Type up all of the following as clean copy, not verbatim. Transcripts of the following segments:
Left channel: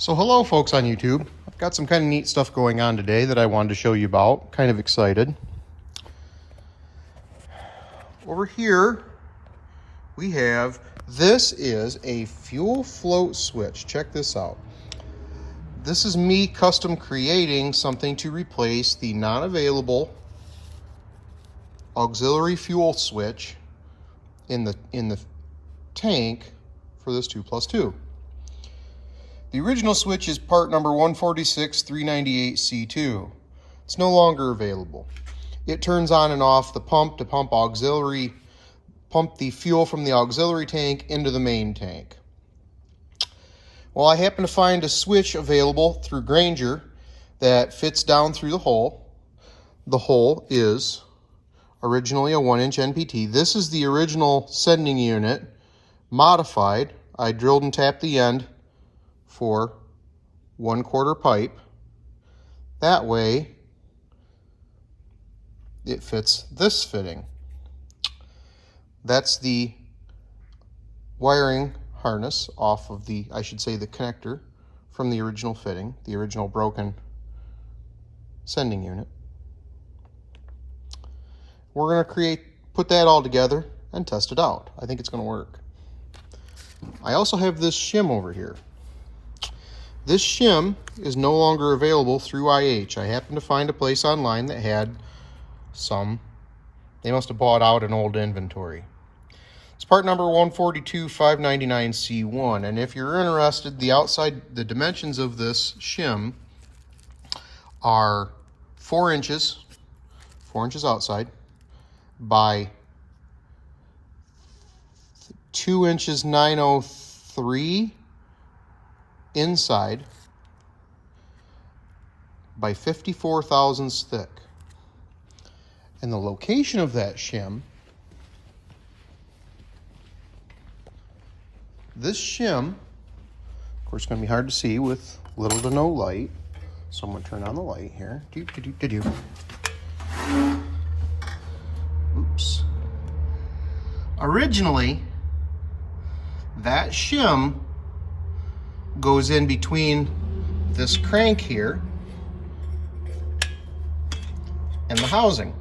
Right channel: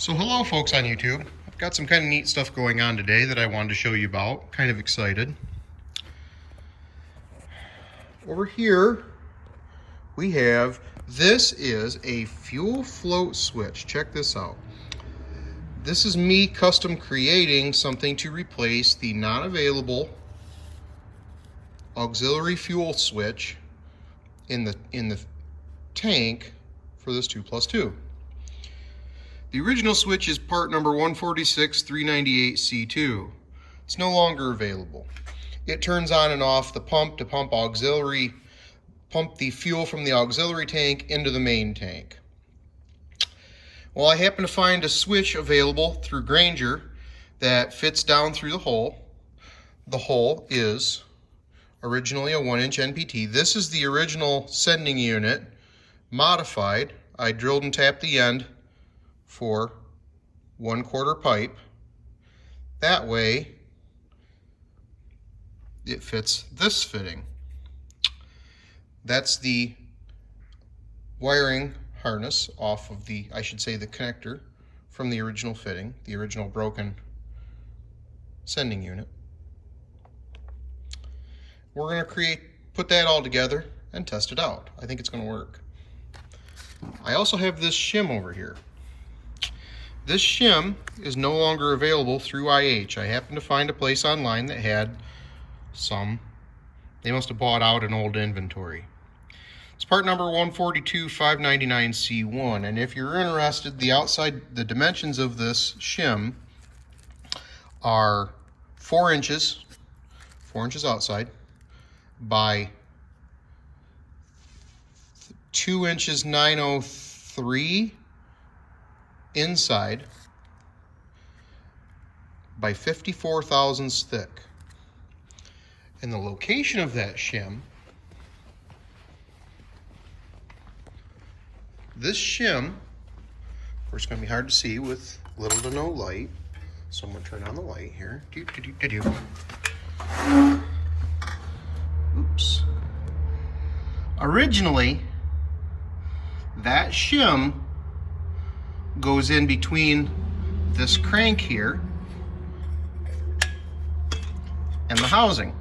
So hello folks on YouTube. I've got some kind of neat stuff going on today that I wanted to show you about. Kind of excited. Over here we have, this is a fuel float switch. Check this out. This is me custom creating something to replace the non-available auxiliary fuel switch in the tank for this 2+2. The original switch is part number 146398C2. It's no longer available. It turns on and off the pump to pump the fuel from the auxiliary tank into the main tank. Well, I happen to find a switch available through Grainger that fits down through the hole. The hole is originally a 1-inch NPT. This is the original sending unit, modified. I drilled and tapped the end for 1/4 pipe. That way it fits this fitting. That's the wiring harness off of the, I should say, the connector from the original fitting, the original broken sending unit. We're going to put that all together and test it out. I think it's going to work. I also have this shim over here. This shim is no longer available through IH. I happened to find a place online that had some. They must have bought out an old inventory. It's part number 142599C1, and if you're interested, the dimensions of this shim are 4 inches outside by 2 inches 903 inside by 54 thousandths thick. And the location of that shim, this shim, of course, it's going to be hard to see with little to no light, so I'm going to turn on the light here. Oops. Originally, that shim goes in between this crank here and the housing.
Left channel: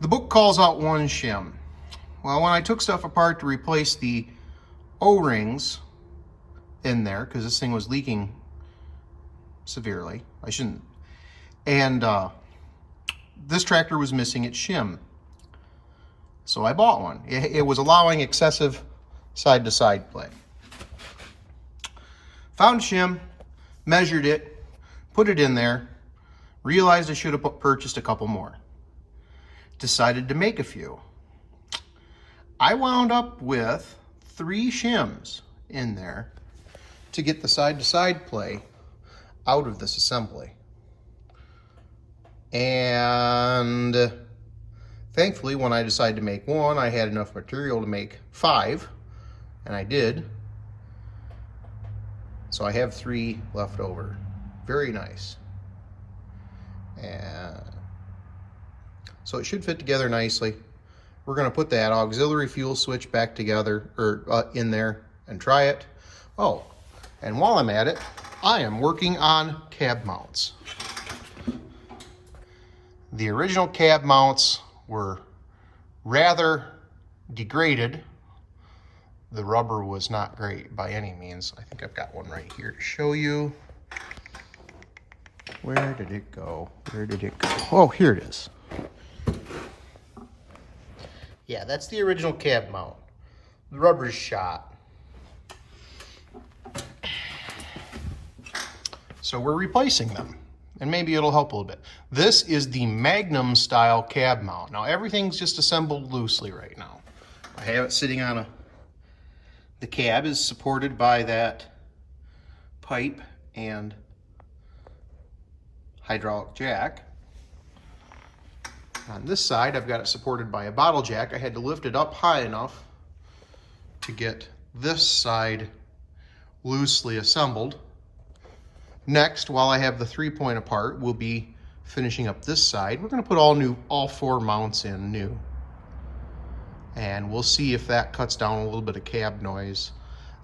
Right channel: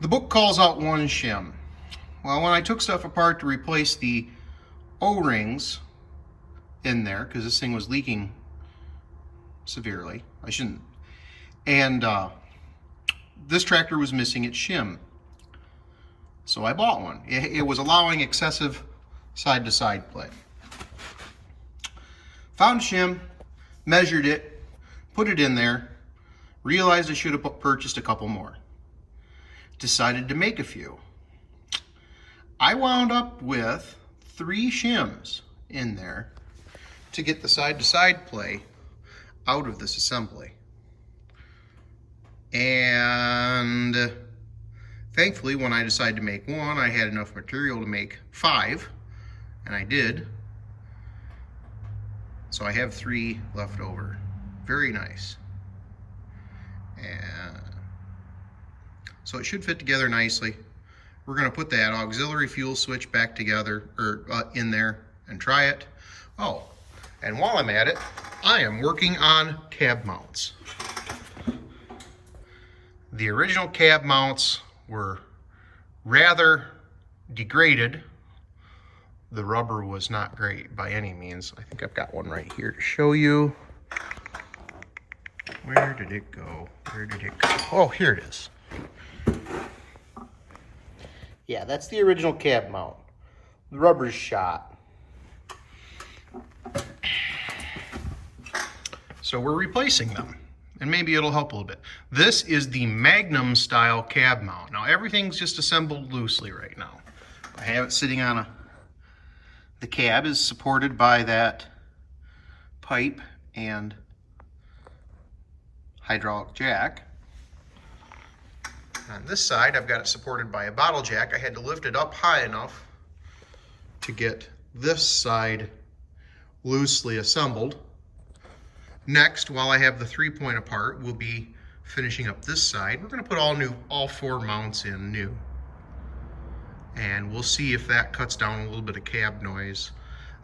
The book calls out one shim. Well, when I took stuff apart to replace the O-rings in there, because this thing was leaking severely, and this tractor was missing its shim. So I bought one. It was allowing excessive side-to-side play. Found shim, measured it, put it in there, realized I should have purchased a couple more. Decided to make a few. I wound up with 3 shims in there to get the side-to-side play out of this assembly. And thankfully, when I decided to make one, I had enough material to make 5, and I did. So I have 3 left over. Very nice. And so it should fit together nicely. We're going to put that auxiliary fuel switch back together, or in there, and try it. Oh, and while I'm at it, I am working on cab mounts. The original cab mounts were rather degraded. The rubber was not great by any means. I think I've got one right here to show you. Where did it go? Where did it go? Oh, here it is. Yeah, that's the original cab mount. The rubber's shot. So we're replacing them, and maybe it'll help a little bit. This is the Magnum style cab mount. Now everything's just assembled loosely right now. I have it sitting on the cab is supported by that pipe and hydraulic jack. On this side, I've got it supported by a bottle jack. I had to lift it up high enough to get this side loosely assembled. Next, while I have the 3-point apart, we'll be finishing up this side. We're going to put all 4 mounts in new. And we'll see if that cuts down a little bit of cab noise.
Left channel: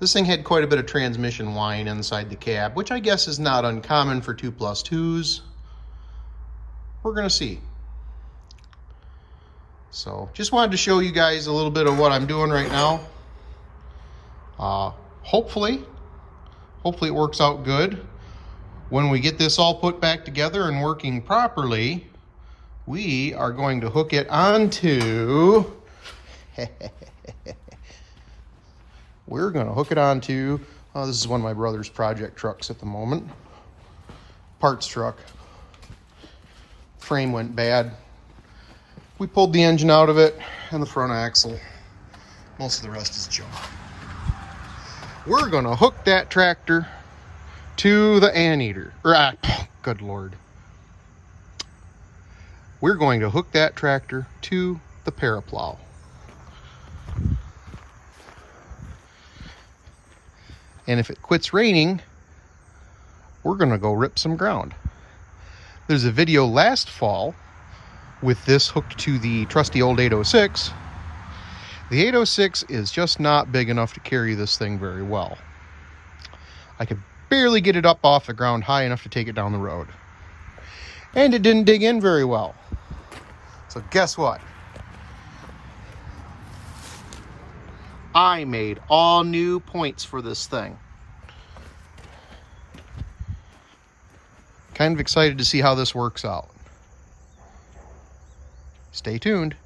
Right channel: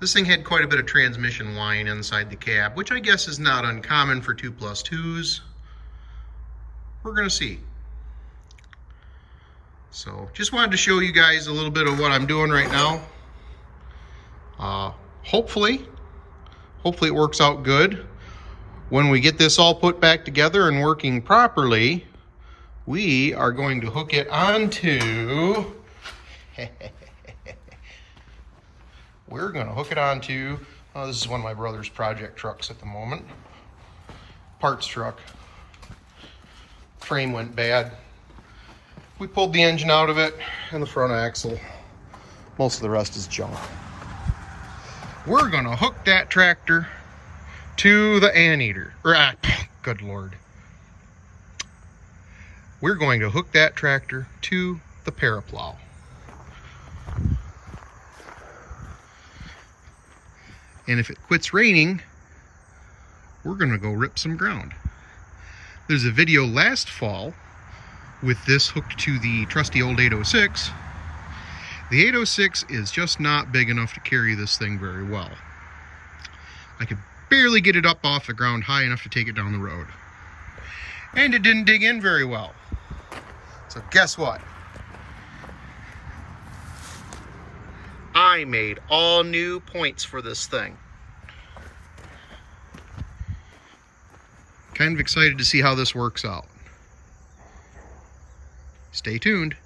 This thing had quite a bit of transmission whine inside the cab, which I guess is not uncommon for 2+2s. We're gonna see. So just wanted to show you guys a little bit of what I'm doing right now. Hopefully it works out good. When we get this all put back together and working properly, we are going to hook it onto we're going to hook it onto, oh, this is one of my brother's project trucks at the moment. Parts truck. Frame went bad. We pulled the engine out of it and the front axle. Most of the rest is junk. We're going to hook that tractor to the anteater. Good Lord. We're going to hook that tractor to the paraplow. And if it quits raining, we're going to go rip some ground. There's a video last fall with this hooked to the trusty old 806. The 806 is just not big enough to carry this thing very well. I could barely get it up off the ground high enough to take it down the road. And it didn't dig in very well. So guess what? I made all new points for this thing. Kind of excited to see how this works out. Stay tuned.